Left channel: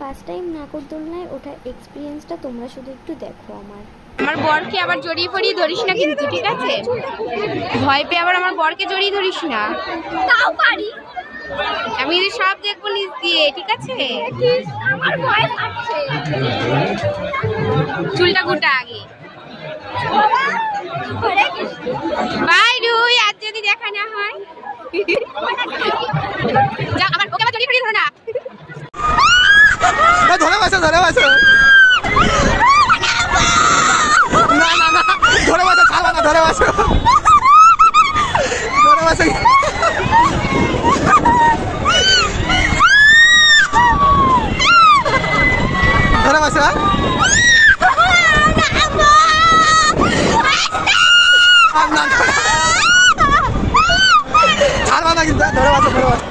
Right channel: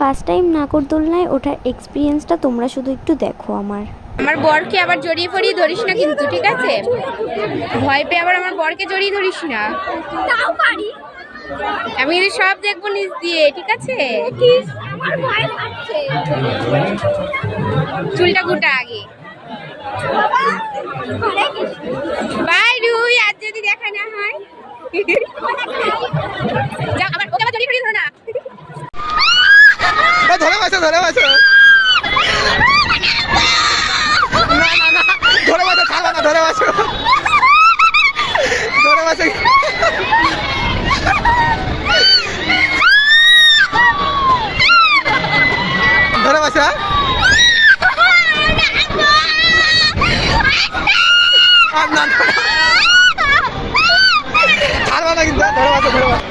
First time নাগরদোলনায় ওঠার এক্সপিরিয়েন্সটা তোমরা শুধু একটু দেখো। আমার বরকে আবার জড়িয়ে পড়িয়ে ধরিস না কিন্তু, ঠিক আছে? ভয় পেয়ে আবার আমার বরকে জড়িয়ে ধরিস না। তাও পারি। আমি সব দেখবো নিজ দিয়ে, ঠিক আছে? আমার ভয় লাগছে। চুলটা গুটা আগে। বাই রুই, আজ যদি দেখা না হয় যা, আবার ওকে আবার জড়িয়ে পড়িয়ে ধরো না। ধরে বাঁচো, ধরে বাঁচো। না না না, ধরে বাঁচো, ছাড়বা না, ধরে বাঁচো, ধরে বাঁচো। ধরে বাঁচো। আর না, ছাড়বা না কিন্তু, ধরে বাঁচো, ধরে বাঁচো।